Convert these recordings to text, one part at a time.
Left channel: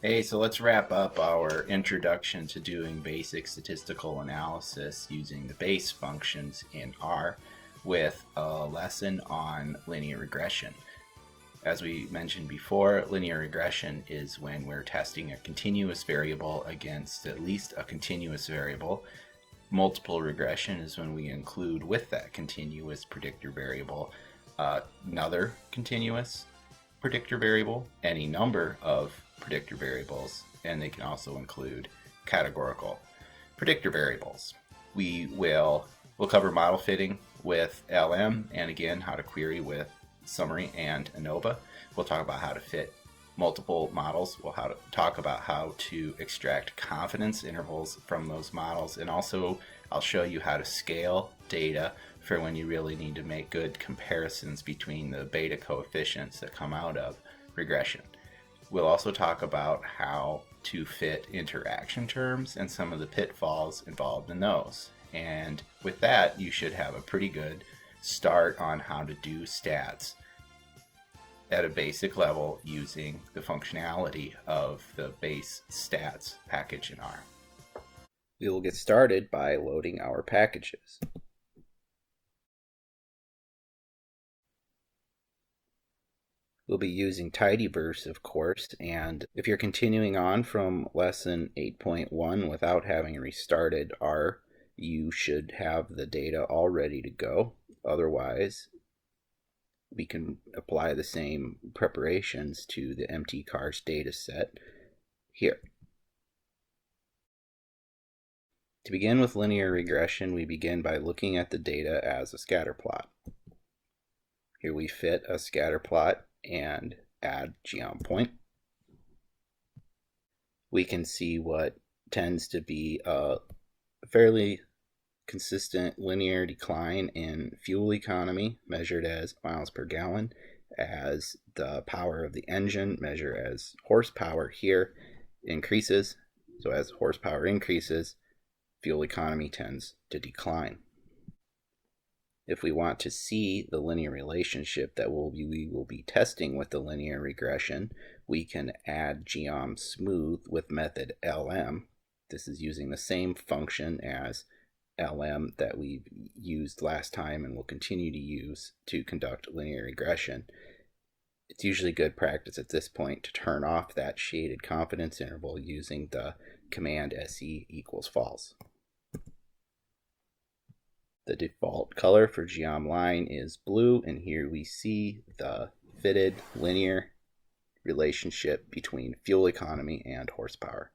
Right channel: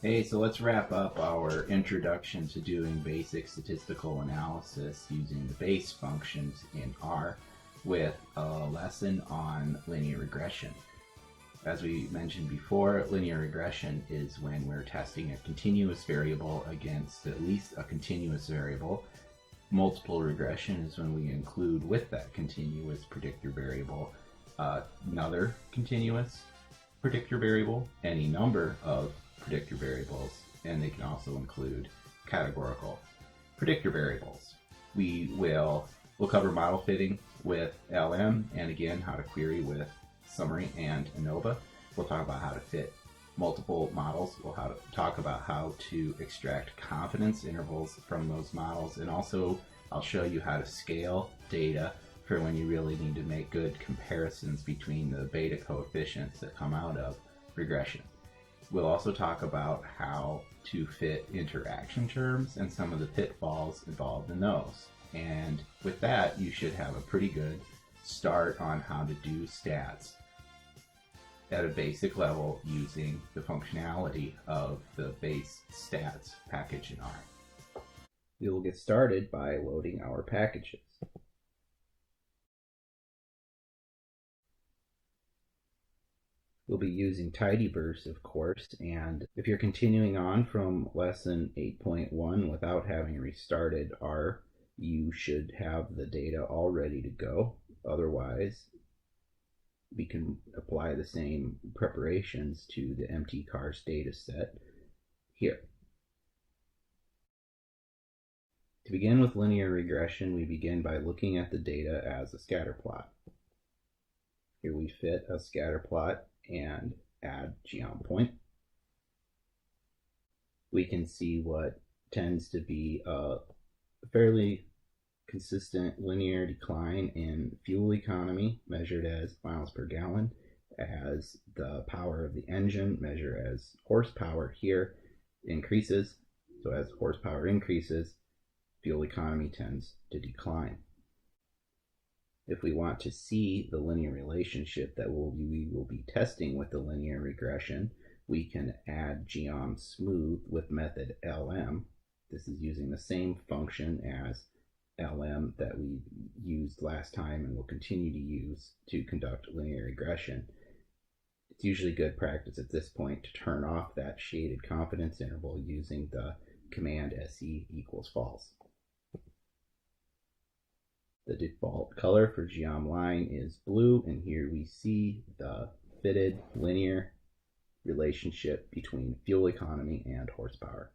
Hey, so let's wrap up our introduction to doing basic statistical analysis using the base functions in R with a lesson on linear regression. As we mentioned before, linear regression is when we're testing a continuous variable against at least a continuous variable. Multiple regression is when we include with that continuous predictor variable another continuous predictor variable, any number of predictor variables, and they can also include categorical predictor variables. We'll cover model fitting with LM, and again how to query with summary and Anova. We'll talk about how to fit multiple models. We'll talk about how to extract confidence intervals from those models, and also I'll show you how to scale data for when you really need to make good comparisons between the beta coefficients that come out of regression. We'll also talk about how to fit interaction terms and some of the pitfalls involved in those. And with that, you should have a pretty good start on how to do stats at a basic level using the functionality of the base stats package in R. We will get started by loading our packages. We'll be using Tidyverse, of course, and if you're continuing on from lesson 8.1 without having restarted R, you should have the data all ready to go. Otherwise, we can apply the same preparations to the mtcars data set here. To begin with linear regression, we begin by looking at the data as a scatter plot. Here we fit a scatter plot and add geom point. We can see what tends to be a fairly consistent linear decline in fuel economy measured as miles per gallon, as the power of the engine measured as horsepower here increases. So as horsepower increases, fuel economy tends to decline. If we want to see the linear relationship that we will be testing with the linear regression, we can add geom smooth with method LM. This is using the same function as LM that we've used last time and will continue to use to conduct linear regression. It's usually good practice at this point to turn off that shaded confidence interval using the command SE equals false. The default color for geom line is blue, and here we see the fitted linear relationship between fuel economy and horsepower.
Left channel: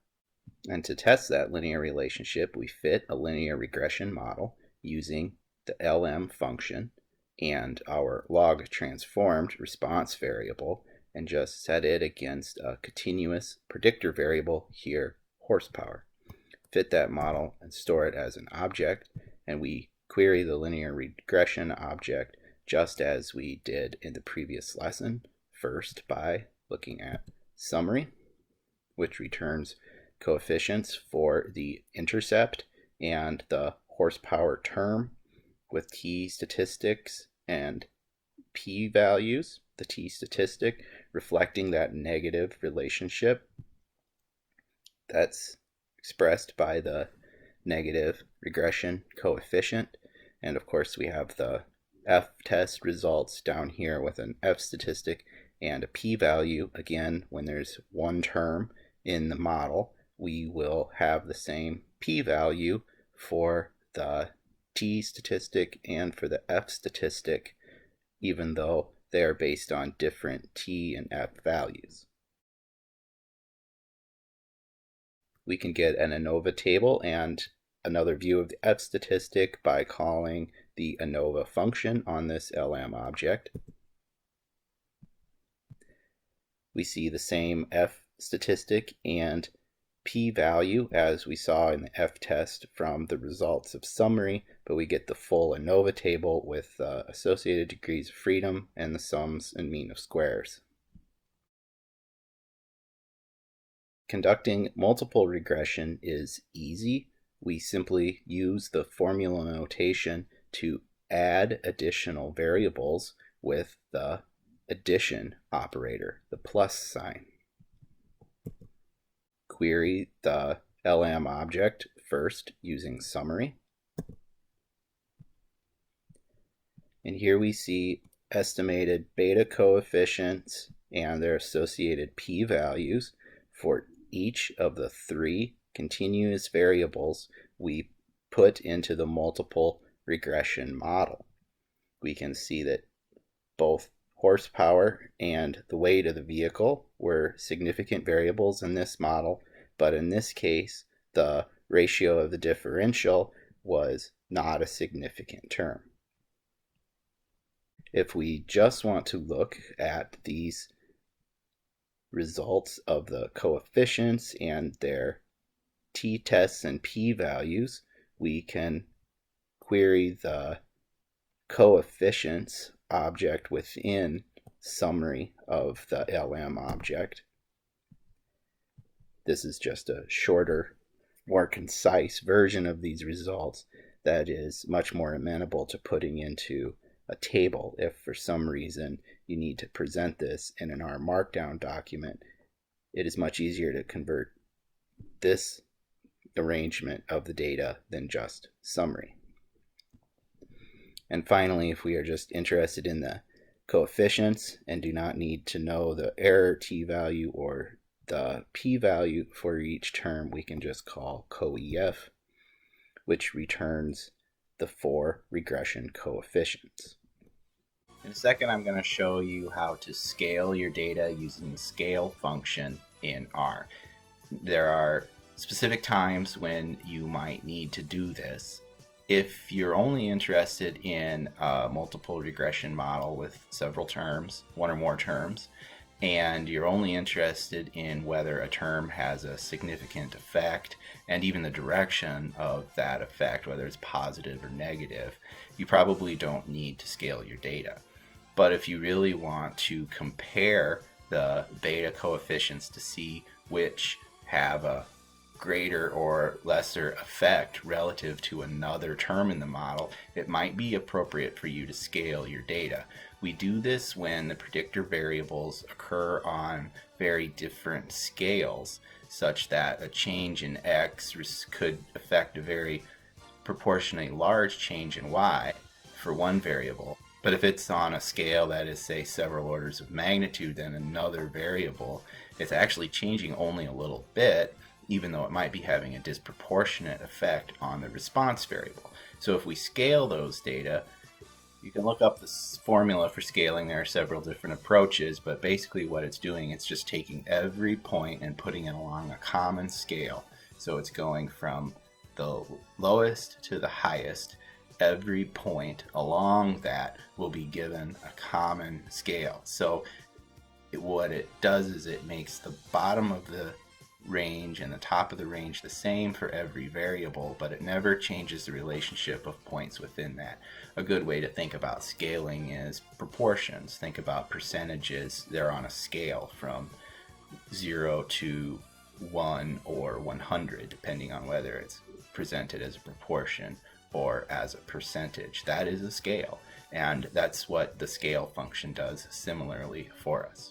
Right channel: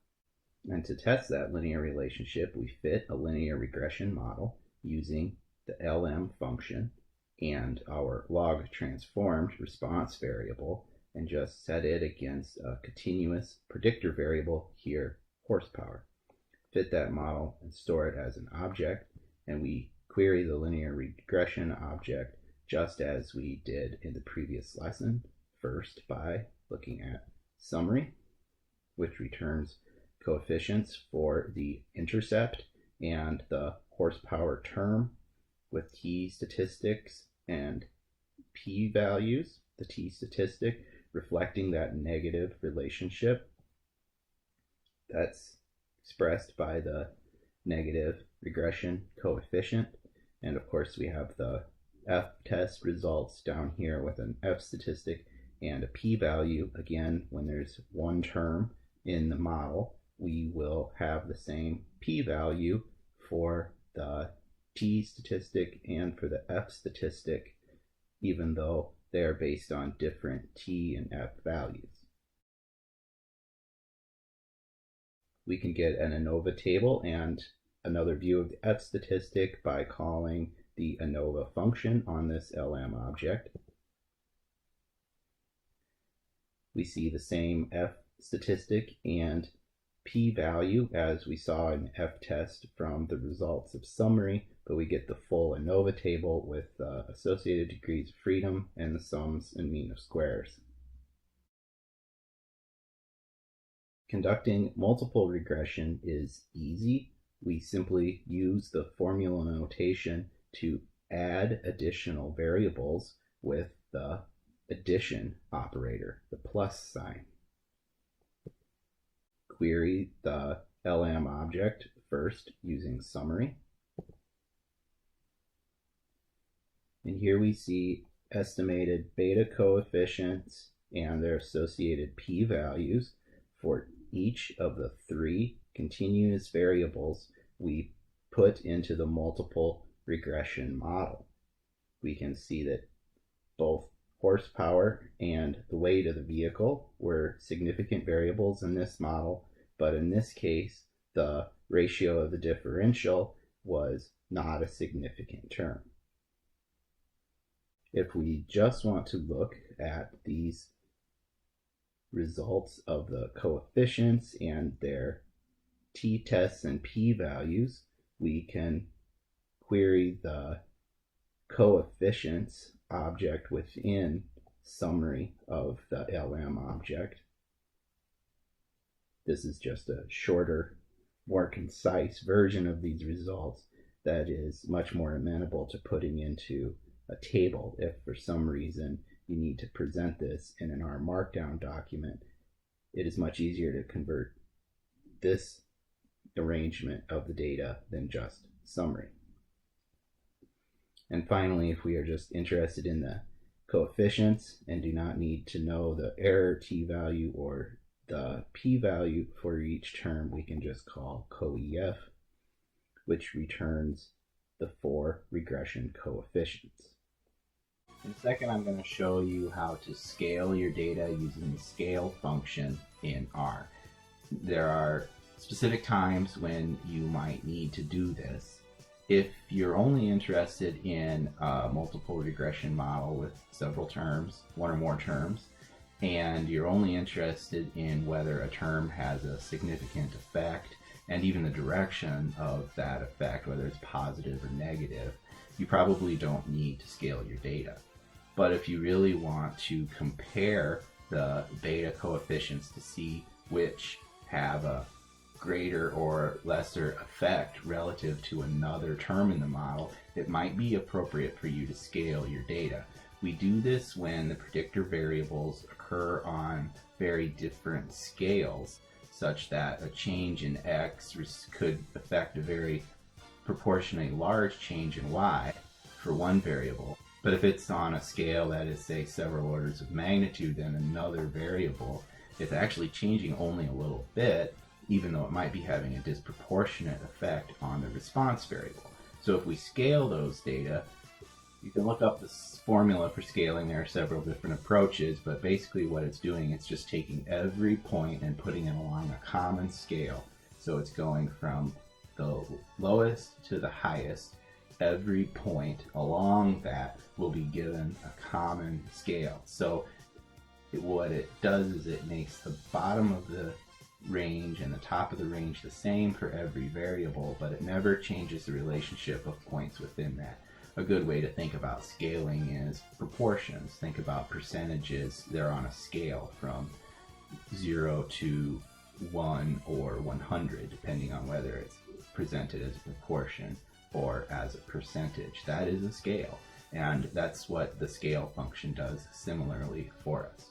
And to test that linear relationship, we fit a linear regression model using the LM function and our log transformed response variable, and just set it against a continuous predictor variable here, horsepower. Fit that model and store it as an object, and we query the linear regression object just as we did in the previous lesson, first by looking at summary, which returns coefficients for the intercept and the horsepower term with t statistics and p values, the t statistic reflecting that negative relationship that's expressed by the negative regression coefficient. And of course we have the F test results down here with an F statistic and a p-value. Again, when there's one term in the model, we will have the same p-value for the t statistic and for the F statistic, even though they are based on different t and F values. We can get an Anova table and another view of the F statistic by calling the Anova function on this LM object. We see the same F statistic and p-value as we saw in the F test from the results of summary, but we get the full Anova table with associated degrees of freedom and the sums and mean of squares. Conducting multiple regression is easy. We simply use the formula notation to add additional variables with the addition operator, the plus sign. query the LM object first using summary. And here we see estimated beta coefficients and their associated p-values for each of the 3 continuous variables we put into the multiple regression model. We can see that both horsepower and the weight of the vehicle were significant variables in this model, but in this case, the ratio of the differential was not a significant term. If we just want to look at these results of the coefficients and their t-tests and p-values, we can query the coefficients object within summary of the LM object. This is just a shorter, more concise version of these results that is much more amenable to putting into a table. If for some reason you need to present this in an R Markdown document, it is much easier to convert this arrangement of the data than just summary. And finally, if we are just interested in the coefficients and do not need to know the error t-value or the p-value for each term, we can just call coef, which returns the 4 regression coefficients. In a second, I'm going to show you how to scale your data using the scale function in R. There are specific times when you might need to do this. If you're only interested in a multiple regression model with several terms, 1 or more terms, and you're only interested in whether a term has a significant effect and even the direction of that effect, whether it's positive or negative, you probably don't need to scale your data. But if you really want to compare the beta coefficients to see which have a greater or lesser effect relative to another term in the model, it might be appropriate for you to scale your data. We do this when the predictor variables occur on very different scales, such that a change in X could affect a very proportionally large change in Y for one variable. But if it's on a scale that is, say, several orders of magnitude than another variable, it's actually changing only a little bit, even though it might be having a disproportionate effect on the response variable. So if we scale those data, you can look up this formula for scaling. There are several different approaches, but basically what it's doing, it's just taking every point and putting it along a common scale. So it's going from the lowest to the highest. Every point along that will be given a common scale. So what it does is it makes the bottom of the range and the top of the range the same for every variable, but it never changes the relationship of points within that. A good way to think about scaling is proportions. Think about percentages. They're on a scale from 0 to 1 or 100, depending on whether it's presented as a proportion or as a percentage. That is a scale, and that's what the scale function does similarly for us.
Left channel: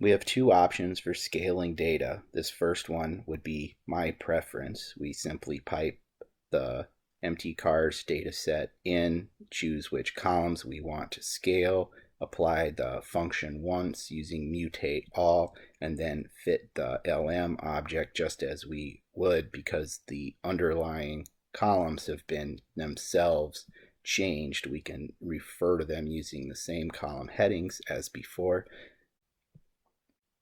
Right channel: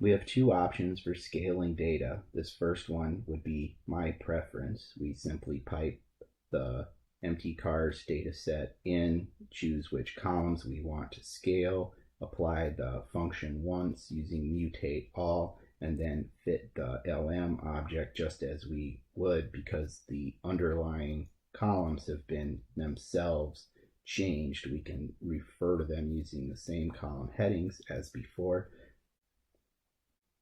We have 2 options for scaling data. This first one would be my preference. We simply pipe the MT-cars data set in, choose which columns we want to scale, apply the function once using mutate all, and then fit the LM object just as we would, because the underlying columns have been themselves changed. We can refer to them using the same column headings as before.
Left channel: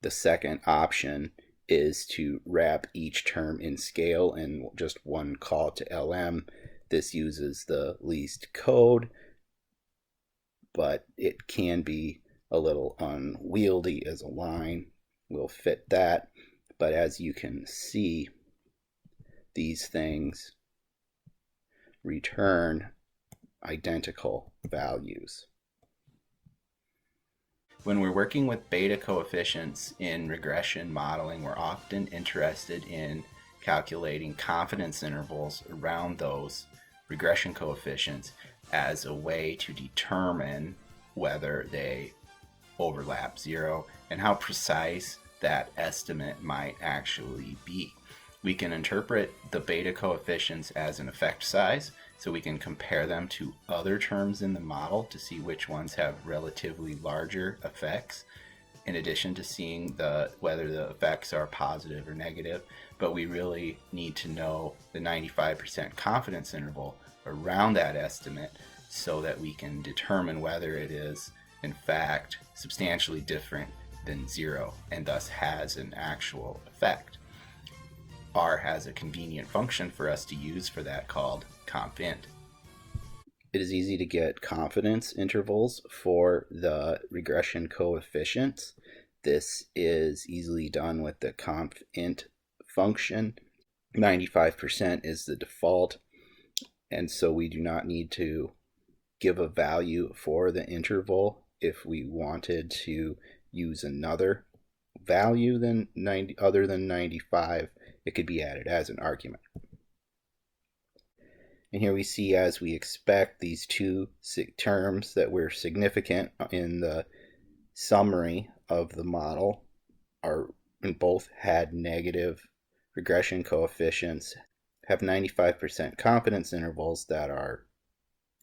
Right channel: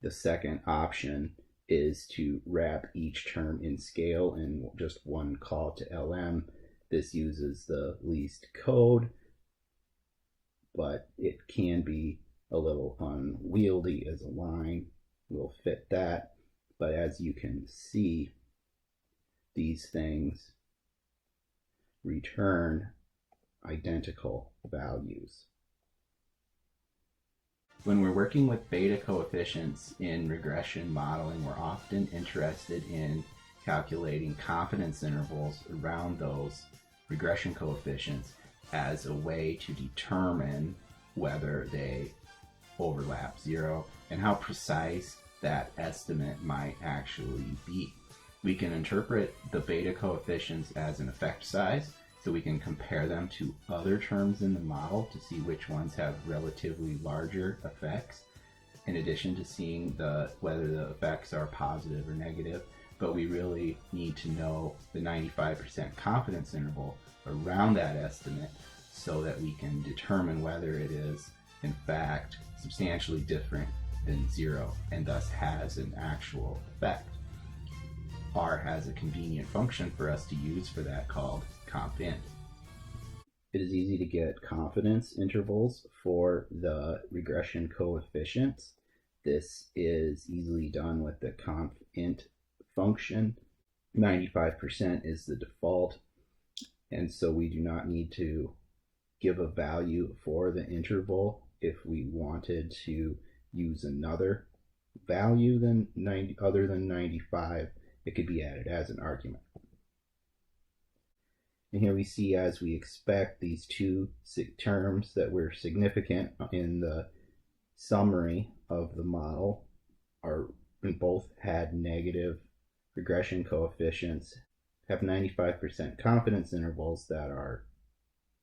The second option is to wrap each term in scale in just one call to LM. This uses the least code, but it can be a little unwieldy as a line. We'll fit that, but as you can see, these things return identical values. When we're working with beta coefficients in regression modeling, we're often interested in calculating confidence intervals around those regression coefficients as a way to determine whether they overlap 0 and how precise that estimate might actually be. We can interpret the beta coefficients as an effect size, so we can compare them to other terms in the model to see which ones have relatively larger effects, in addition to seeing whether the effects are positive or negative. But we really need to know the 95% confidence interval around that estimate so that we can determine whether it is in fact substantially different than 0 and thus has an actual effect. R has a convenient function for us to use for that called conf_int. It is easy to get confidence intervals for the regression coefficients. This is easily done with the conf_int function. 95% is the default, and so we do not need to give a value for the interval. If we wanted to use another value than 90, other than 95, it could be added as an argument. And here we see, as we expect, these two terms that were significant in the summary of the model and both had negative regression coefficients, have 95% confidence intervals that are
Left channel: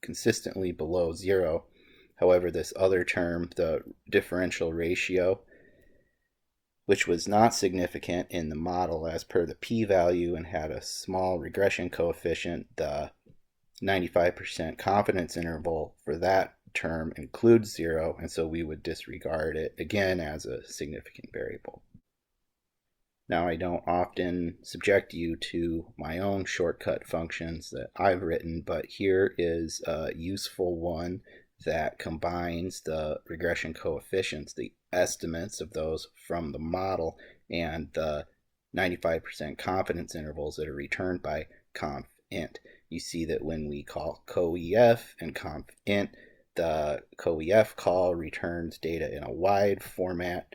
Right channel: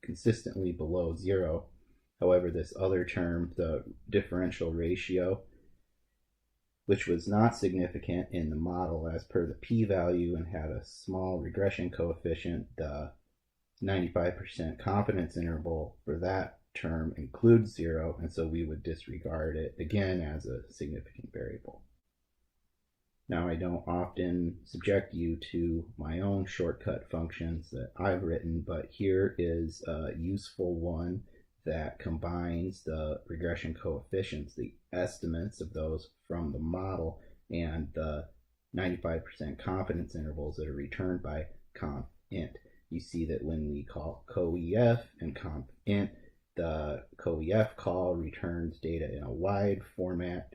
consistently below 0. However, this other term, the differential ratio, which was not significant in the model as per the p-value and had a small regression coefficient, the 95% confidence interval for that term includes 0, and so we would disregard it again as a significant variable. Now, I don't often subject you to my own shortcut functions that I've written, but here is a useful one that combines the regression coefficients, the estimates of those from the model, and the 95% confidence intervals that are returned by conf_int. You see that when we call coef and conf_int, the coef call returns data in a wide format,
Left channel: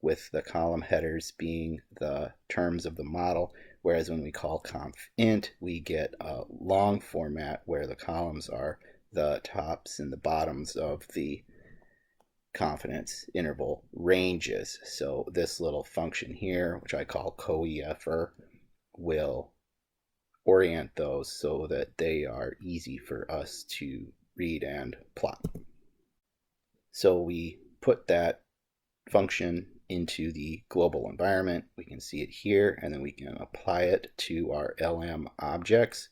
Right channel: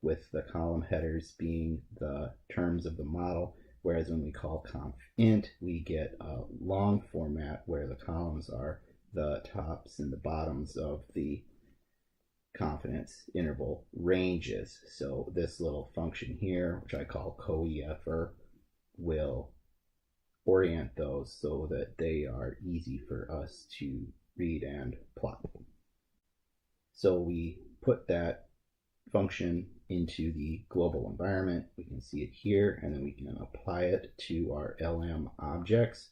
with the column headers being the terms of the model, whereas when we call conf_int, we get a long format where the columns are the tops and the bottoms of the confidence interval ranges. So this little function here, which I call coefer, will orient those so that they are easy for us to read and plot. So we put that function into the global environment. We can see it here, and then we can apply it to our LM objects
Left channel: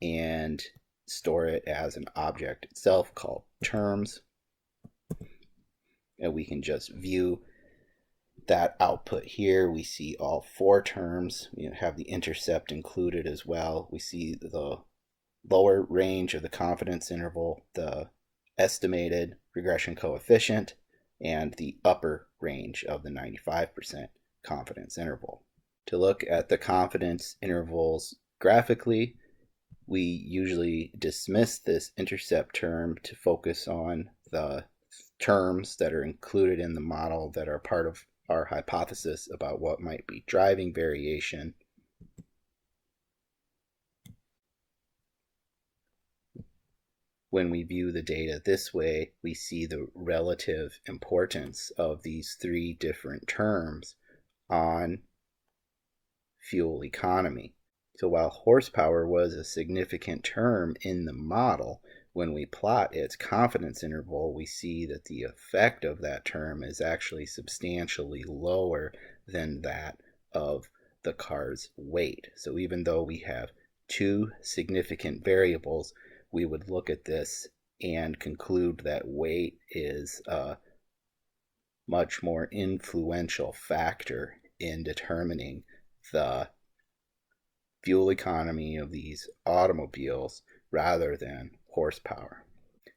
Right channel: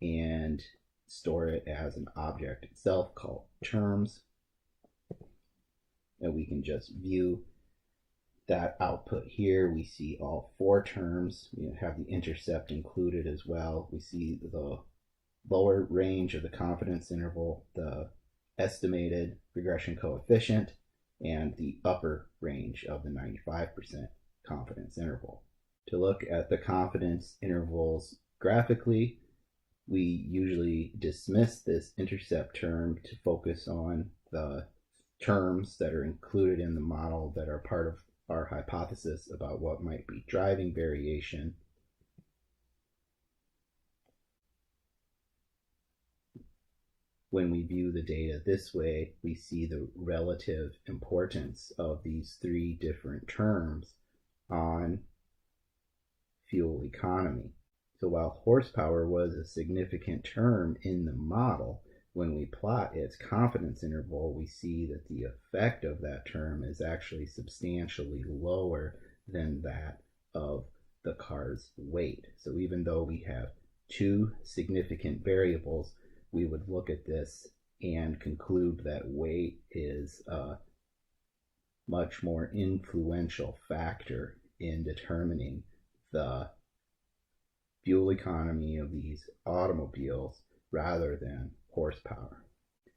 and store it as an object itself called terms. And we can just view that output here. We see all 4 terms. We have the intercept included as well. We see the lower range of the confidence interval, the estimated regression coefficient, and the upper range of the 95% confidence interval. To look at the confidence intervals graphically, we usually dismiss this intercept term to focus on the terms that are included in the model that are part of our hypothesis about what might be driving variation. When we view the data this way, we see the relative importance of these 3 different terms on fuel economy. So while horsepower was a significant term in the model, when we plot its confidence interval, we see that the effect of that term is actually substantially lower than that of the car's weight. So even though we have 2 significant variables, we would look at this and conclude that weight is a much more influential factor in determining the fuel economy of these automobiles rather than horsepower.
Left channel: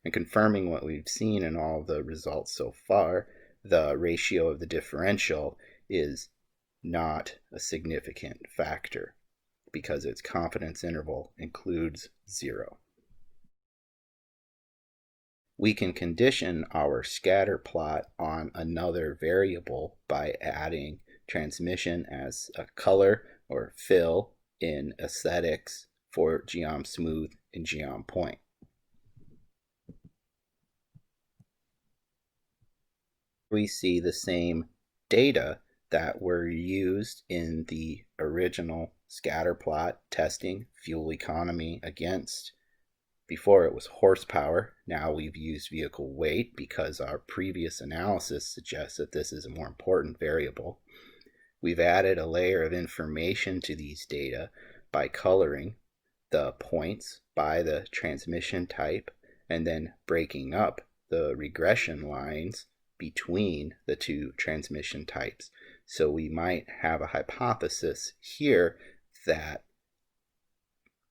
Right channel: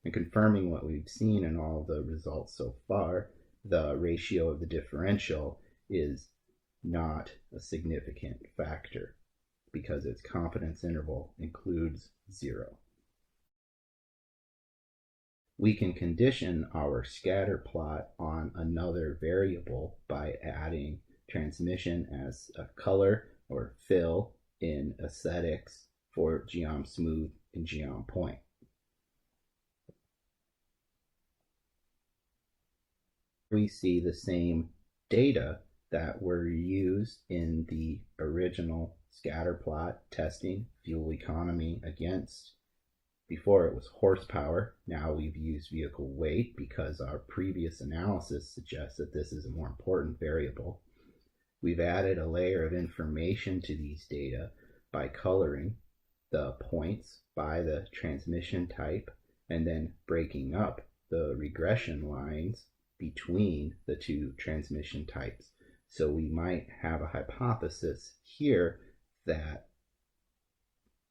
And confirming what we've seen in all the results so far, the ratio of the differential is not a significant factor because its confidence interval includes 0. We can condition our scatter plot on another variable by adding transmission as a color or fill in aesthetics for geom smooth and geom point. We see the same data that were used in the original scatter plot testing fuel economy against, before it was horsepower. Now we've used vehicle weight because our previous analysis suggests that this is a more important variable. We've added a layer of information to these data by coloring the points by the transmission type and then breaking up the regression lines between the two transmission types. So we might have a hypothesis here that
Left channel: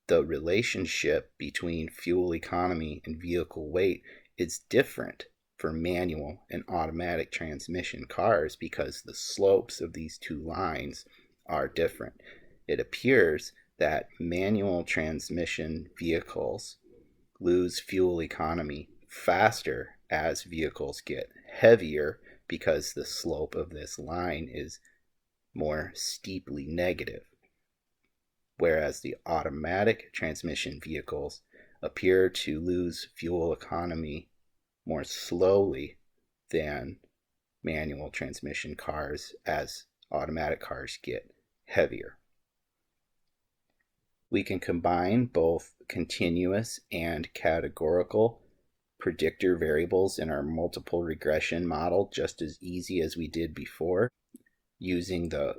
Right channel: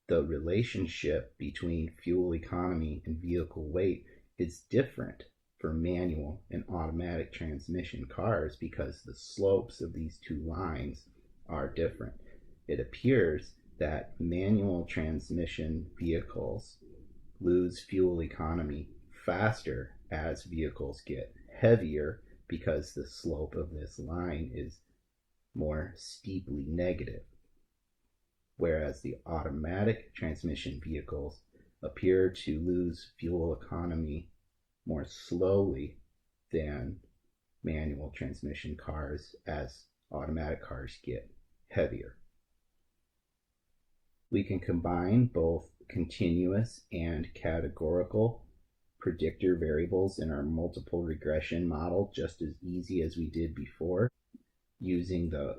the relationship between fuel economy and vehicle weight is different for manual and automatic transmission cars because the slopes of these two lines are different. It appears that manual transmission vehicles lose fuel economy faster as vehicles get heavier because the slope of this line is more steeply negative, whereas the automatic transmission vehicles appear to lose fuel economy more slowly than manual transmission cars as automatic cars get heavier. We can combine both continuous and categorical predictor variables in our multiple regression model just as easy as we did before using the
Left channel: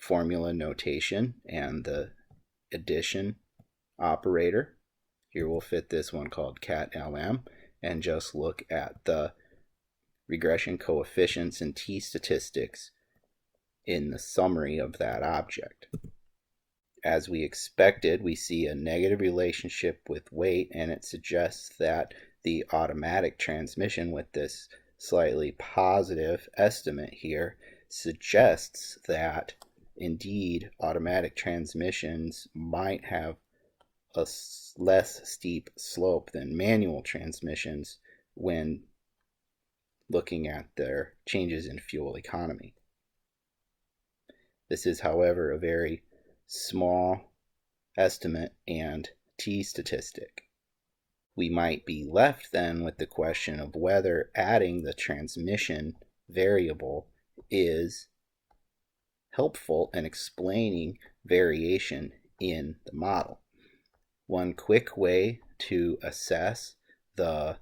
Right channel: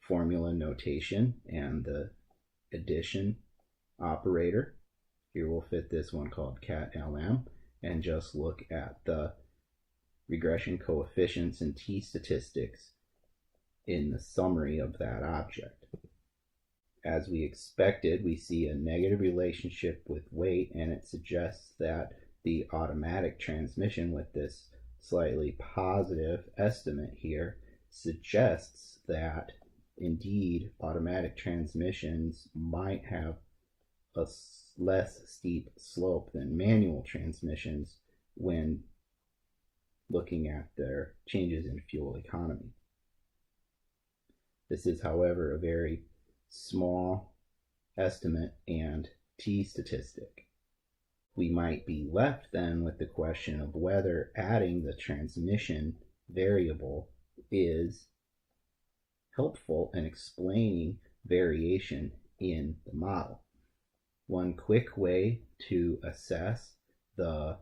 formula notation and the addition operator. Here we'll fit this one called cat-lm and just look at the regression coefficients and t-statistics in the summary of that object. As we expected, we see a negative relationship with weight, and it suggests that the automatic transmission with this slightly positive estimate here suggests that indeed automatic transmissions might have a less steep slope than manual transmissions when looking at their changes in fuel economy. This is, however, a very small estimate and t-statistic. We might be left then with the question of whether adding the transmission variable is helpful in explaining variation in the model. One quick way to assess the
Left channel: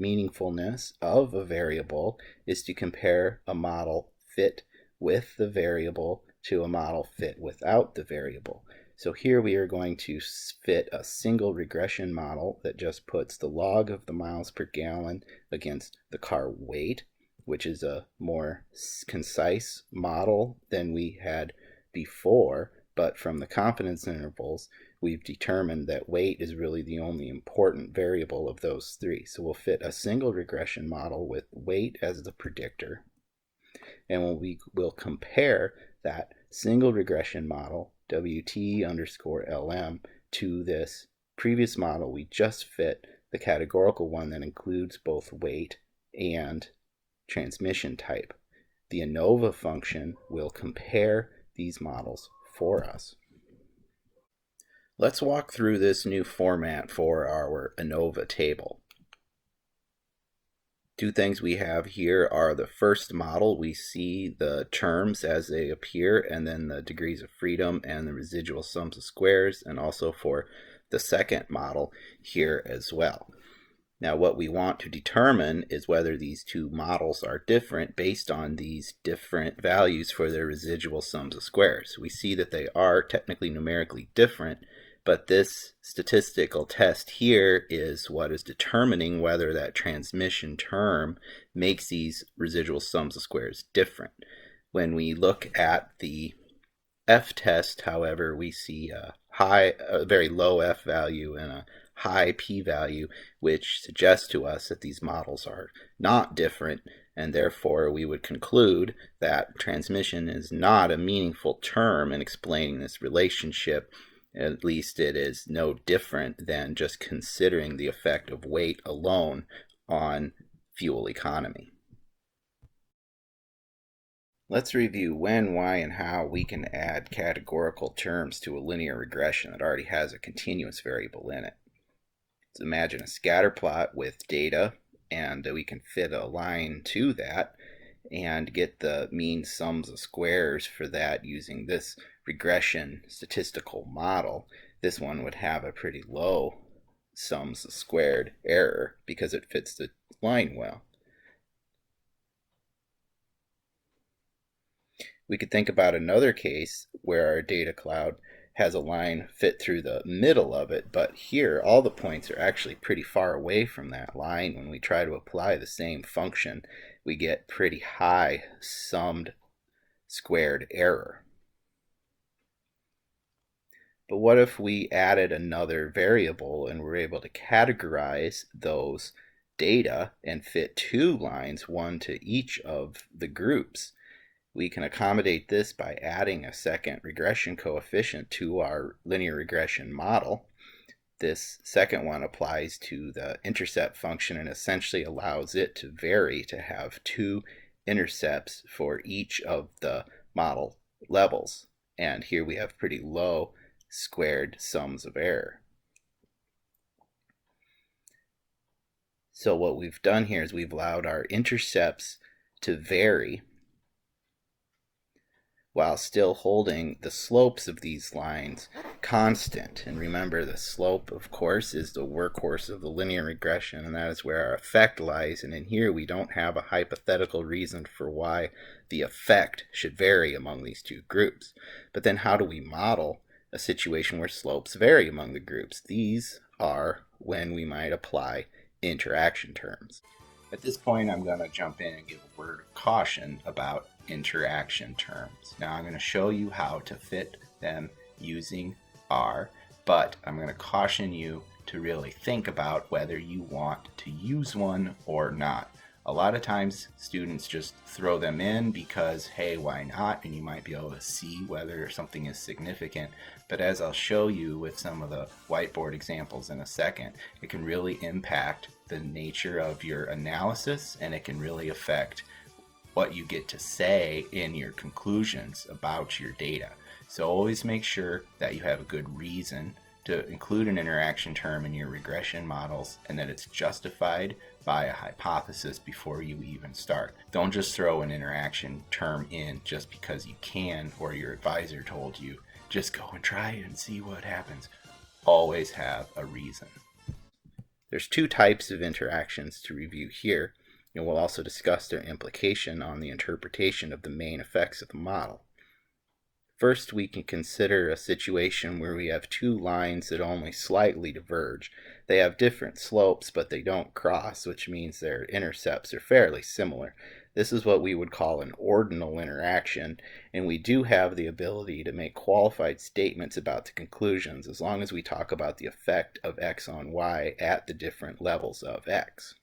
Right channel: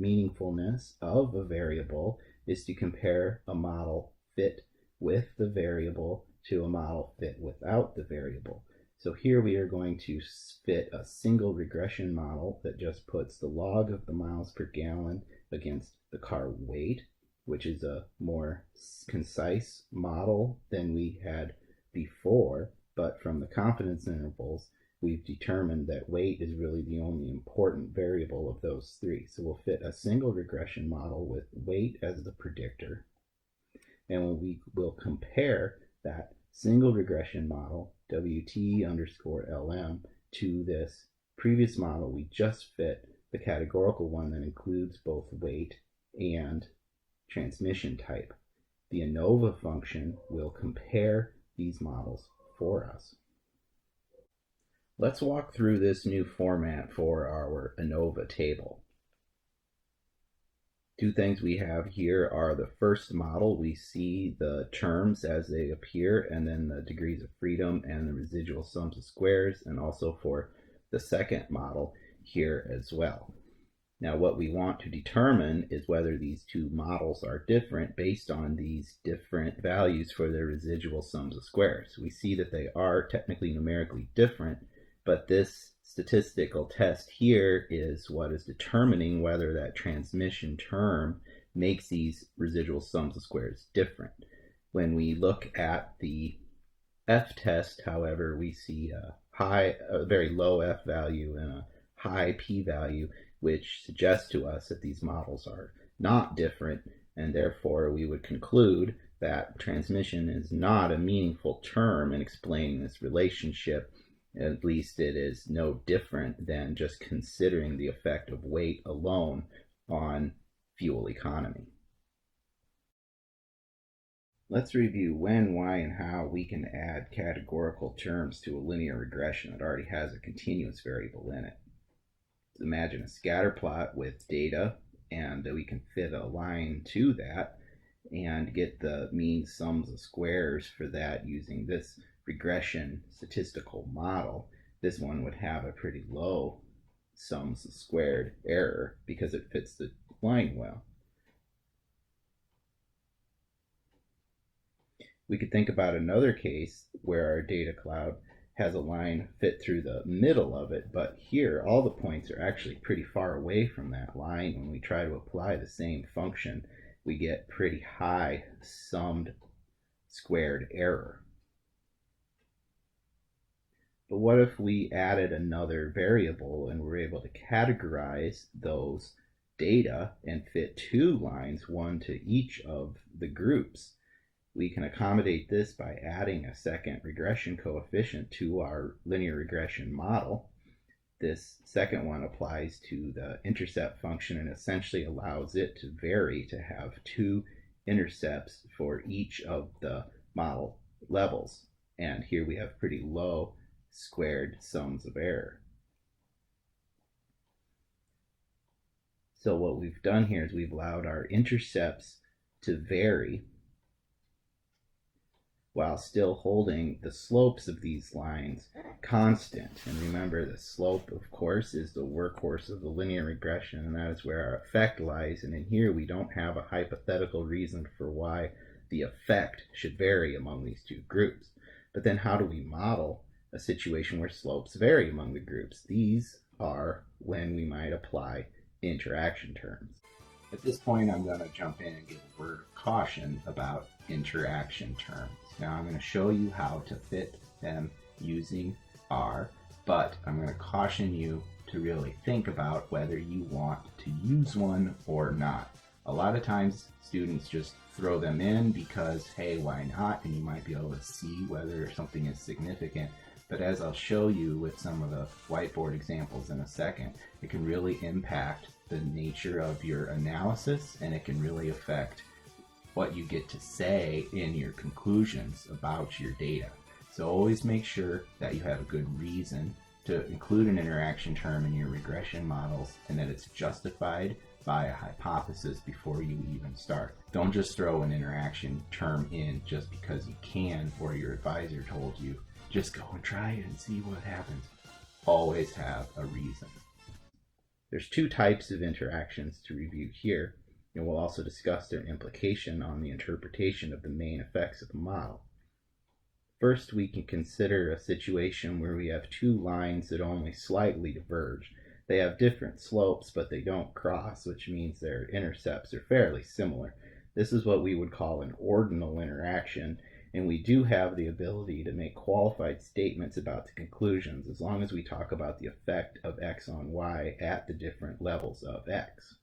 meaningfulness of a variable is to compare a model fit with the variable to a model fit without the variable. So here we are going to fit a single regression model that just puts the log of the miles per gallon against the car weight, which is a more concise model than we had before, but from the confidence intervals, we've determined that weight is really the only important variable of those three. So we'll fit a single regression model with weight as the predictor, and we will compare that single regression model, WT_LM, to this previous model we just fit, the categorical one that includes both weight and transmission type. The Anova function will compare these models for us. Let's walk through this new format for our Anova table. Two things we have here are the first model. We see the terms as they appear, and then the degrees of freedom and the residual sums of squares, and also for the second model here as well. Now what we want to determine is whether these two models are different based on these different values for their residual sums of squares. We see that they are technically numerically different, but this statistical test here is what is determining whether that transmission term makes these residual sums of squares different. When we look at the F test, however, we see a very low F value and a high P value, which suggests to us that these models are not different, and therefore we would conclude that transmission is not a meaningful term in explaining this relationship. At least it is no different than just considering the effect of weight alone on fuel economy. Let's review when, why, and how we can add categorical terms to a linear regression that already has a continuous variable in it. Let's imagine a scatter plot with data, and we can fit a line to that. and get the mean sums of squares for that using this regression statistical model, this one would have a pretty low sums of squared error because it fits the line well. We could think about another case where our data cloud has a line fit through the middle of it, but here all the points are actually pretty far away from that line. When we try to apply the same function, we get pretty high summed squared error. But what if we added another variable and were able to categorize those data and fit two lines, one to each of the groups? We can accommodate this by adding a second regression coefficient to our linear regression model. This second one applies to the intercept function and essentially allows it to vary to have two intercepts for each of the model levels. And here we have pretty low squared sums of error. So what we've done here is we've allowed our intercepts to vary while still holding the slopes of these lines constant. And remember, the slope, of course, is the workhorse of the linear regression, and that is where our effect lies. And in here, we don't have a hypothetical reason for why the effect should vary among these two groups. But then how do we model a situation where slopes vary among the groups? These are when we might apply interaction terms. At this point, I'm going to jump in and give a word of caution about interaction terms. Now, I'm going to show you how to fit them using R, but I'm going to caution you to really think about whether you want to use one or not. A lot of times, students just throw them in because, hey, why not? And you might be able to see whether something is significant. But as I'll show you with some of the whiteboard examples in a second, it can really impact the nature of your analysis, and it can really affect what you get to say in your conclusions about your data. So always make sure that you have a good reason to include an interaction term in your regression models and that it's justified by a hypothesis before you even start. Don't just throw an interaction term in just because you can or your advisor told you. Just go and try it and see what happens. Always have a reason. There's two types of interactions to review here, and we'll also discuss their implication on the interpretation of the main effects of the model. First, we can consider a situation where we have two lines that only slightly diverge. They have different slopes, but they don't cross, which means their intercepts are fairly similar. This is what we would call an ordinal interaction, and we do have the ability to make qualified statements about the conclusions as long as we talk about the effect of x on y at the different levels of x.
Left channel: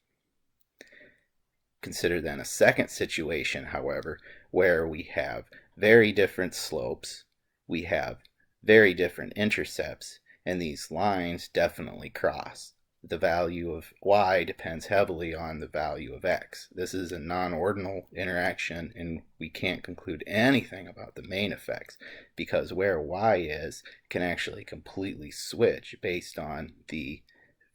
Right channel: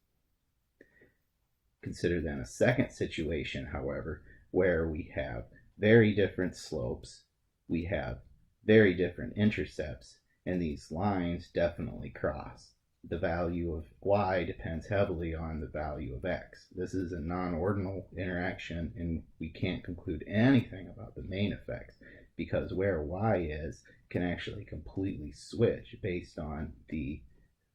Consider then a second situation, however, where we have very different slopes, we have very different intercepts, and these lines definitely cross. The value of y depends heavily on the value of x. This is a non-ordinal interaction, and we can't conclude anything about the main effects because where y is can actually completely switch based on the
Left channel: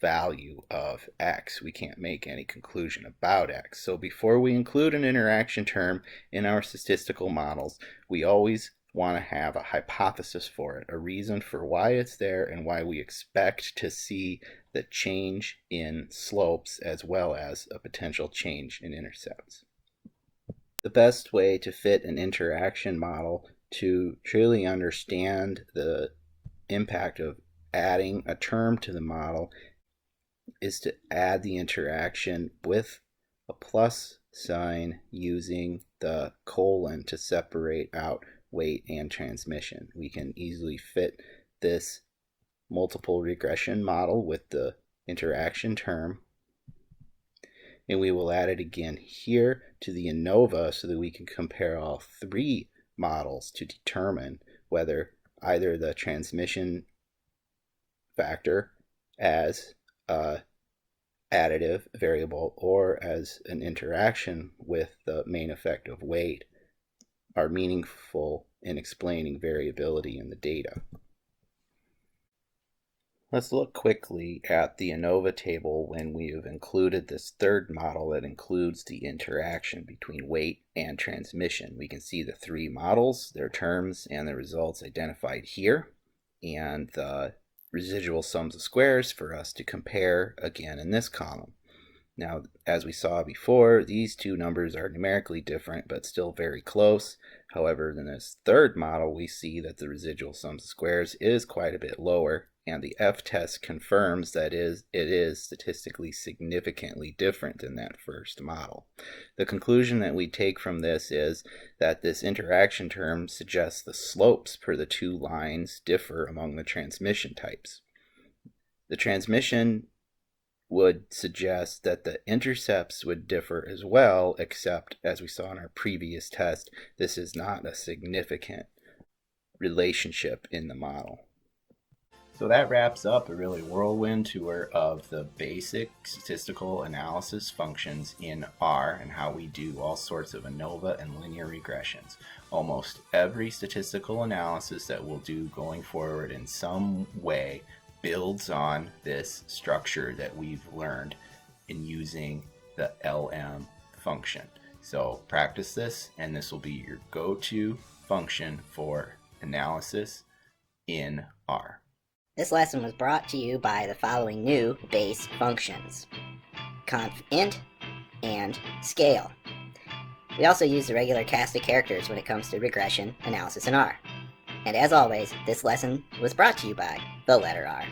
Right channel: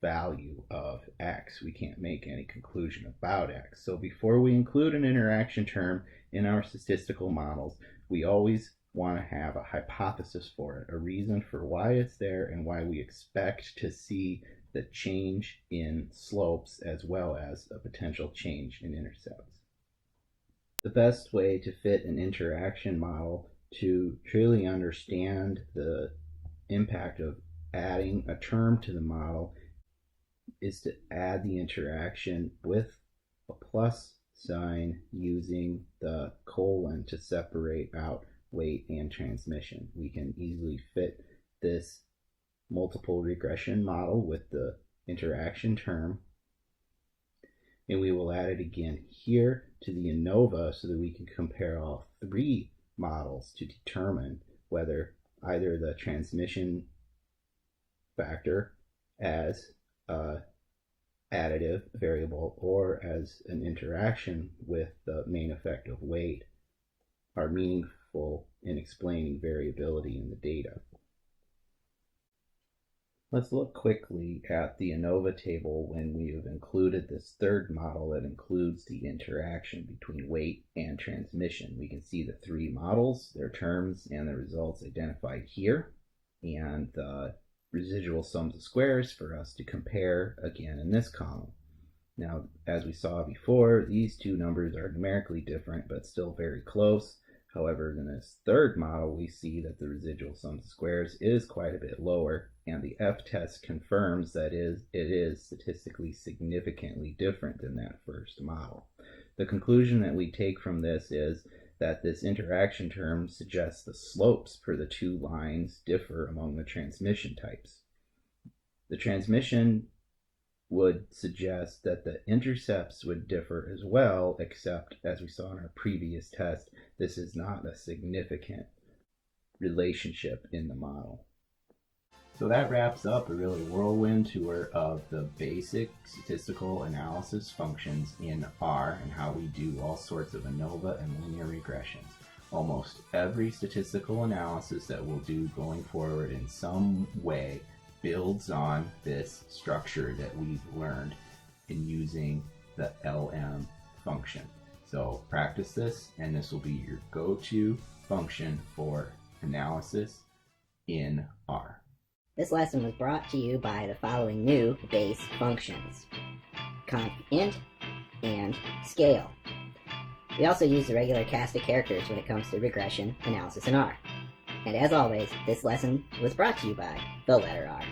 value of x. We can't make any conclusion about x. So before we include an interaction term in our statistical models, we always want to have a hypothesis for it, a reason for why it's there and why we expect to see the change in slopes as well as a potential change in intercepts. The best way to fit an interaction model to truly understand the impact of adding a term to the model is to add the interaction with a plus sign using the colon to separate out weight and transmission. We can easily fit this multiple regression model with the interaction term, and we will add it again here to the Anova so that we can compare all three models to determine whether either the transmission factor as a additive variable or as an interaction with the main effect of weight are meaningful in explaining variability in the data. Let's look quickly at the Anova table when we have included this third model that includes the interaction between weight and transmission. We can see the three models, their terms, and the results identified here, and the residual sums of squares for us to compare again in this column. Now, as we saw before, these two numbers are numerically different but still very close. However, in this third model, we see that the residual sums of squares is quite a bit lower, and the f-test confirms that it is statistically significantly different than that first model. The conclusion that we take from this is that this interaction term suggests the slopes per the two lines differ among the transmission types. The transmission would suggest that the intercepts would differ as well, except as we saw in our previous test, this is not a significant relationship in the model. So that wraps up a really whirlwind tour of the basic statistical analysis functions in R and how we do all sorts of ANOVA and linear regressions. Almost every statistical analysis that we'll do going forward in some way builds on this structure that we've learned in using the LM function. So practice this, and this will be your go-to function for analysis in R. This lesson was brought to you by the following new base functions: conf int and scale. We also use the regular cast of characters when it comes to regression analysis in R. And as always, this lesson was brought to you by the letter R.